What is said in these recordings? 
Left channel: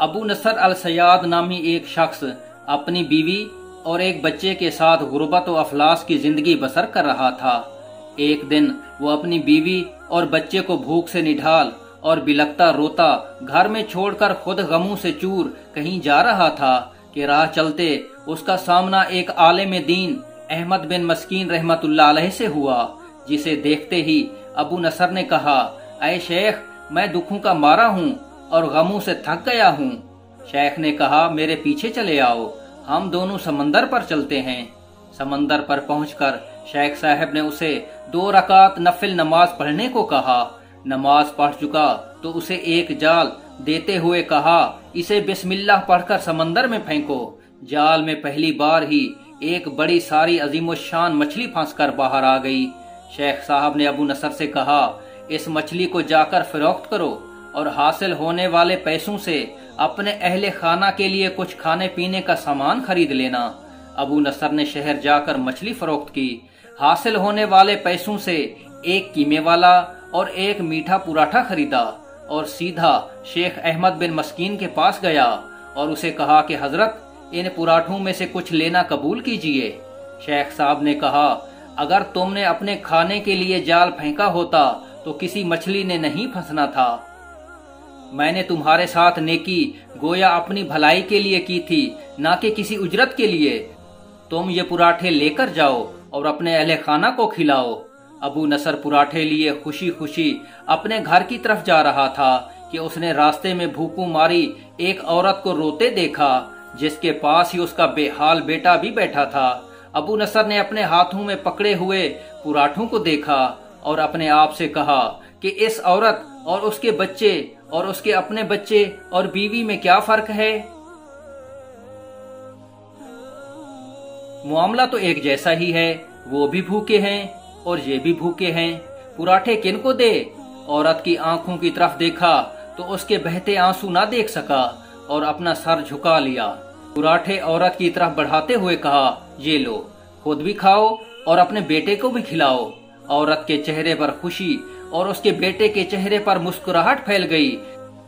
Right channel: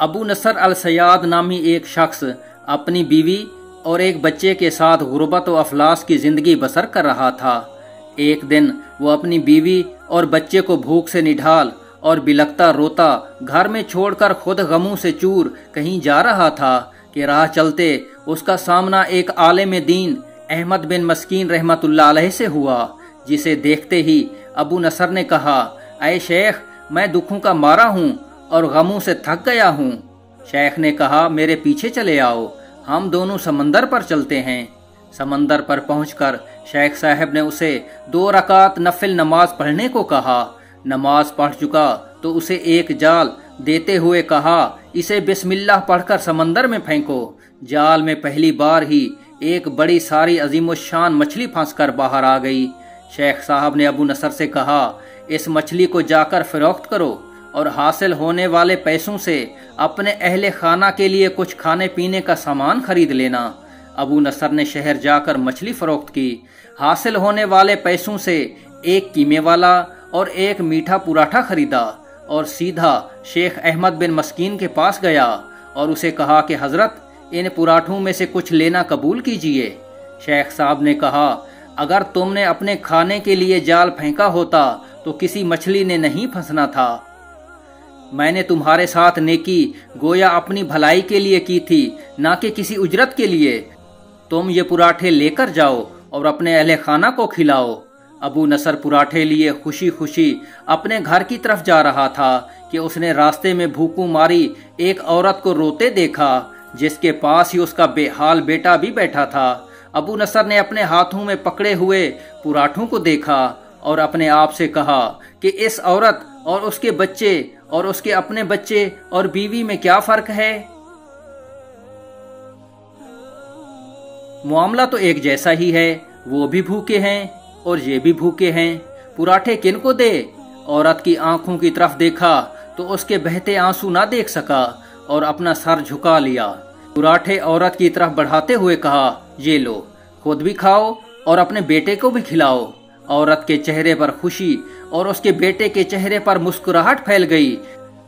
ابو نصر السیاد نامی ایک شخص اپنی بیوی اور ایک بچے کے ساتھ غربت و افلاس کی زندگی بسر کر رہا تھا۔ ایک دن وہ اپنی بیوی اور بچے کو بھوک سے نڈھال اور بلکتا روتا گھر میں چھوڑ کر خود غموں سے چور کہیں جا رہا تھا کہ راہ چلتے اس کا سامنا ایک عالم دین احمد بن مسکین رحمت اللہ علیہ سے ہوا، جسے دیکھتے ہی ابو نصر نے کہا، اے شیخ، میں دکھوں کا مارا ہوں اور غموں سے تھک گیا ہوں۔ شیخ نے کہا، میرے پیچھے چلے آؤ، ہم دونوں سمندر پر چلتے ہیں۔ سمندر پر پہنچ کر شیخ صاحب نے اسے 2 رکعت نفل نماز پڑھنے کو کہا۔ نماز پڑھ چکا تو اسے ایک جال دیتے ہوئے کہا، اسے بسم اللہ پڑھ کر سمندر میں پھینکو۔ جال میں پہلی بار ہی ایک بڑی ساری عظیم الشان مچھلی پھنس کر باہر آ گئی۔ شیخ صاحب نے ابو نصر سے کہا، اس مچھلی کو جا کر فروخت کرو اور حاصل ہونے والے پیسوں سے اپنے اہل خانہ کے لیے کچھ کھانے پینے کا سامان خرید لینا۔ ابو نصر نے شہر جا کر مچھلی فروخت کی۔ حاصل ہونے والے پیسوں سے ایک قیمے والا اور ایک میٹھا پراٹھا خریدا اور سیدھا شیخ احمد بن مسکین کے پاس گیا اور اسے کہا کہ حضرت، ان پراٹھوں میں سے کچھ لینا قبول کیجئے۔ شیخ صاحب نے کہا، اگر تم نے اپنے کھانے کے لیے جال پھینکا ہوتا تو کسی مچھلی نے نہیں پھنسنا تھا۔ میں نے تمہارے ساتھ نیکی گویا اپنی بھلائی کے لیے کی تھی، نہ کہ کسی اجرت کے لیے۔ تم یہ پراٹھے لے کر جاؤ اور اپنے اہل خانہ کو کھلاؤ۔ ابو نصر پراٹھے لیے خوشی خوشی اپنے گھر کی طرف جا رہا تھا کہ اس نے راستے میں بھوکوں ماری ایک عورت کو روتے دیکھا، جس کے پاس ہی اس کا بے حال بیٹا بھی بیٹھا تھا۔ ابو نصر نے اپنے ہاتھوں میں پکڑے ہوئے پراٹھوں کو دیکھا اور اپنے آپ سے کہا کہ اس عورت اور اس کے بچے اور اس کے اپنے بچے اور بیوی میں کیا فرق ہے؟ معاملہ تو ایک جیسا ہی ہے، وہ بھی بھوکے ہیں اور یہ بھی بھوکے ہیں۔ پراٹھے کن کو دے؟ عورت کی آنکھوں کی طرف دیکھا تو اس کے بہتے آنسو نہ دیکھ سکا اور اپنا سر جھکا لیا۔ پراٹھے عورت کی طرف بڑھاتے ہوئے کہا، یہ لو، خود بھی کھاؤ اور اپنے بیٹے کو بھی کھلاؤ۔ عورت کے چہرے پر خوشی اور اس کے بیٹے کے چہرے پر مسکراہٹ پھیل گئی۔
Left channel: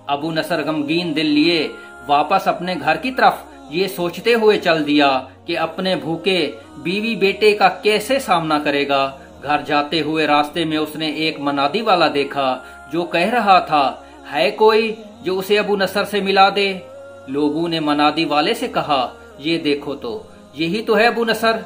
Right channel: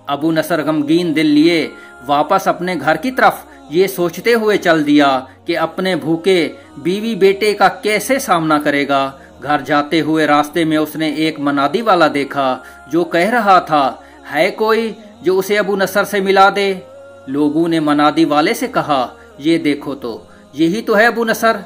ابو نصر غمگین دل لیے واپس اپنے گھر کی طرف یہ سوچتے ہوئے چل دیا کہ اپنے بھوکے بیوی بیٹے کا کیسے سامنا کرے گا۔ گھر جاتے ہوئے راستے میں اس نے ایک منادی والا دیکھا جو کہہ رہا تھا، ہے کوئی جو اسے ابو نصر سے ملا دے؟ لوگوں نے منادی والے سے کہا، یہ دیکھو تو، یہی تو ہے ابو نصر۔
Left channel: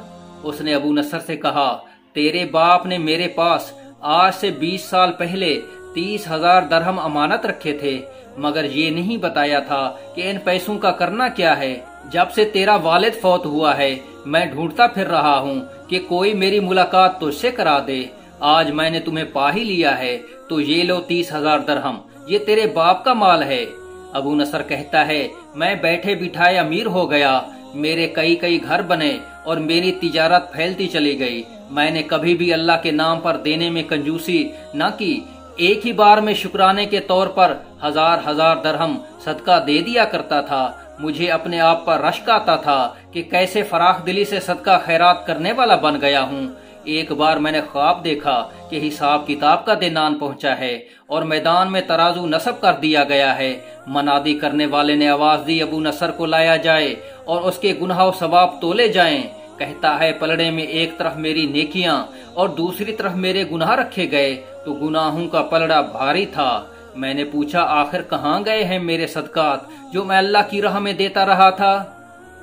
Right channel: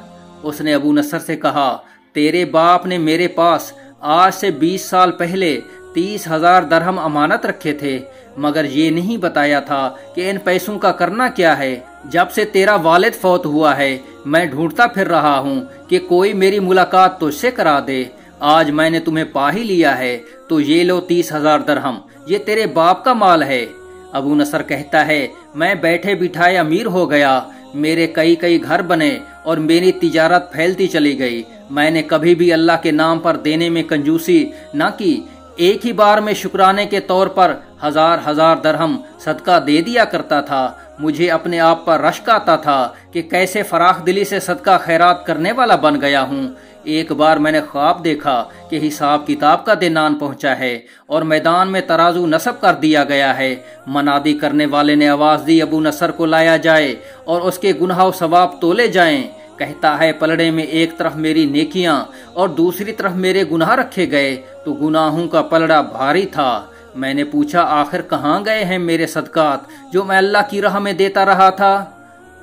اس نے ابو نصر سے کہا، تیرے باپ نے میرے پاس آج سے 20 سال پہلے 30,000 درہم امانت رکھے تھے، مگر یہ نہیں بتایا تھا کہ ان پیسوں کا کرنا کیا ہے۔ جب سے تیرا والد فوت ہوا ہے میں ڈھونڈتا پھر رہا ہوں کہ کوئی میری ملاقات تجھ سے کرا دے۔ آج میں نے تمہیں پا ہی لیا ہے، تو یہ لو 30,000 درہم، یہ تیرے باپ کا مال ہے۔ ابو نصر کہتا ہے، میں بیٹھے بٹھائے امیر ہو گیا، میرے کئی گھر بنے اور میری تجارت پھیلتی چلی گئی۔ میں نے کبھی بھی اللہ کے نام پر دینے میں کنجوسی نہ کی، ایک ہی بار میں شکرانے کے طور پر 1000 درہم صدقہ دے دیا کرتا تھا۔ مجھے اپنے آپ پر رشک آتا تھا کہ کیسے فراخ دلی سے صدقہ خیرات کرنے والا بن گیا ہوں۔ ایک بار میں نے خواب دیکھا کہ حساب کتاب کا دن آن پہنچا ہے اور میدان میں ترازو نصب کر دیا گیا ہے۔ منادی کرنے والے نے آواز دی، ابو نصر کو لایا جائے اور اس کے گناہ و ثواب تولے جائیں۔ کہتا ہے، پلڑے میں ایک طرف میری نیکیاں اور دوسری طرف میرے گناہ رکھے گئے تو گناہوں کا پلڑا بھاری تھا۔ میں نے پوچھا، آخر کہاں گئے ہیں میرے صدقات جو میں اللہ کی راہ میں دیتا رہا تھا؟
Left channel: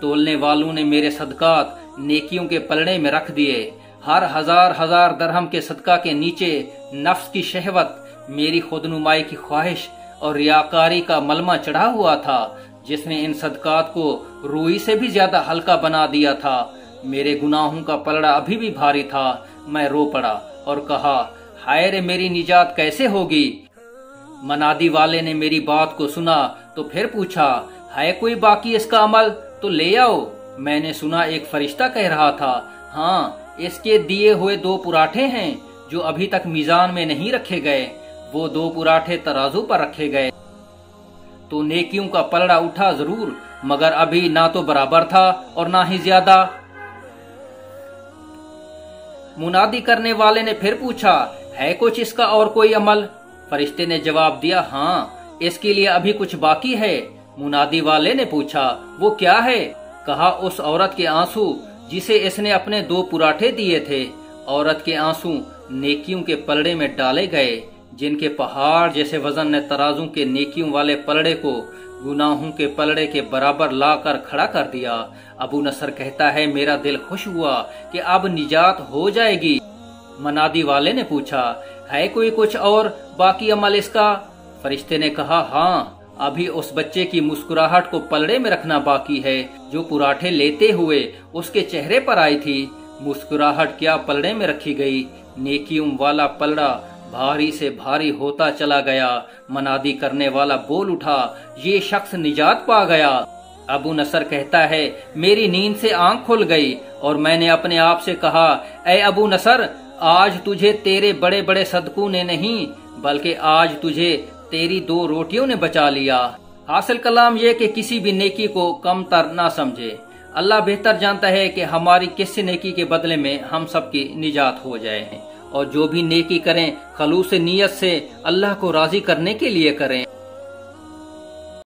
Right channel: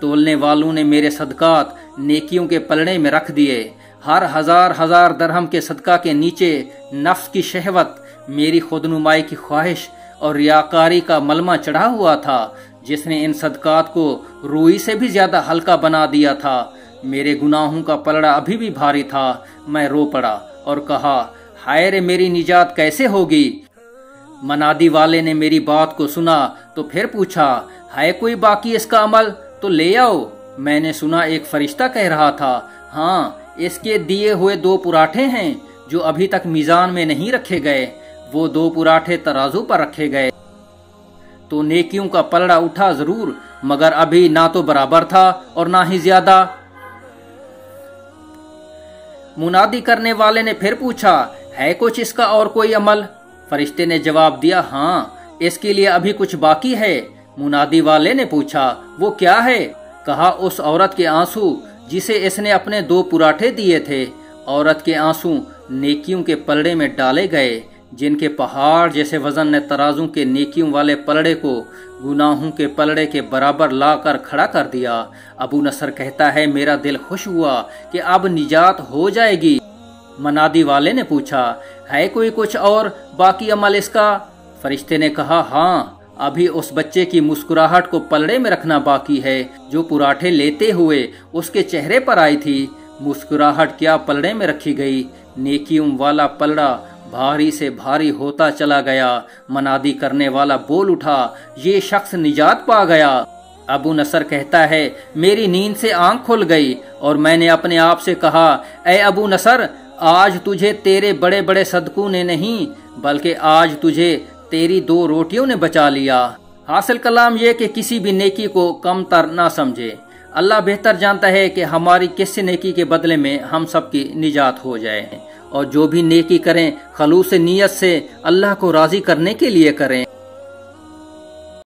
تولنے والوں نے میرے صدقات نیکیوں کے پلڑے میں رکھ دیے۔ ہر 1000 درہم کے صدقہ کے نیچے نفس کی شہوت، میری خود نمائی کی خواہش اور ریاکاری کا ملمہ چڑھا ہوا تھا، جس نے ان صدقات کو روئی سے بھی زیادہ ہلکا بنا دیا تھا۔ میرے گناہوں کا پلڑا ابھی بھی بھاری تھا۔ میں رو پڑا اور کہا، ہائے رے، میری نجات کیسے ہوگی؟ منادی والے نے میری بات کو سنا تو پھر پوچھا، ہے کوئی باقی اس کا عمل؟ تو لے آؤ۔ میں نے سنا ایک فرشتہ کہہ رہا تھا، ہاں، اس کے دیے ہوئے 2 پراٹھے ہیں جو ابھی تک میزان میں نہیں رکھے گئے۔ وہ 2 پراٹھے ترازو پر رکھے گئے تو نیکیوں کا پلڑا اٹھا ضرور، مگر ابھی نہ تو برابر تھا اور نہ ہی زیادہ۔ منادی کرنے والے نے پھر پوچھا، ہے کچھ اس کا اور کوئی عمل؟ فرشتے نے جواب دیا، ہاں، اس کے لیے ابھی کچھ باقی ہے، منادی والے نے پوچھا وہ کیا ہے؟ کہا اس عورت کے آنسو جسے اس نے اپنے 2 پراٹھے دیے تھے۔ عورت کے آنسو نیکیوں کے پلڑے میں ڈالے گئے، جن کے پہاڑ جیسے وزن نے ترازوں کے نیکیوں والے پلڑے کو گناہوں کے پلڑے کے برابر لا کر کھڑا کر دیا۔ ابو نصر کہتا ہے میرا دل خوش ہوا کہ اب نجات ہو جائے گی۔ منادی والے نے پوچھا ہے کوئی کچھ اور باقی عمل اس کا؟ فرشتے نے کہا ہاں، ابھی اس بچے کی مسکراہٹ کو پلڑے میں رکھنا باقی ہے جو پراٹھے لیتے ہوئے اس کے چہرے پر آئی تھی۔ مسکراہٹ کیا پلڑے میں رکھی گئی، نیکیوں والا پلڑا بھاری سے بھاری ہوتا چلا گیا۔ منادی کرنے والا بول اٹھا یہ شخص نجات پا گیا۔ ابو نصر کہتا ہے میری نیند سے آنکھ کھل گئی اور میں نے اپنے آپ سے کہا اے ابو نصر، آج تجھے تیرے بڑے بڑے صدقوں نے نہیں بلکہ آج تجھے تیری 2 روٹیوں نے بچا لیا۔ حاصل کلام یہ کہ کسی بھی نیکی کو کم تر نہ سمجھے۔ اللہ بہتر جانتا ہے کہ ہماری کس نیکی کے بدلے میں ہم سب کی نجات ہو جائے، اور جو بھی نیکی کریں خلوص نیت سے اللہ کو راضی کرنے کے لیے کریں۔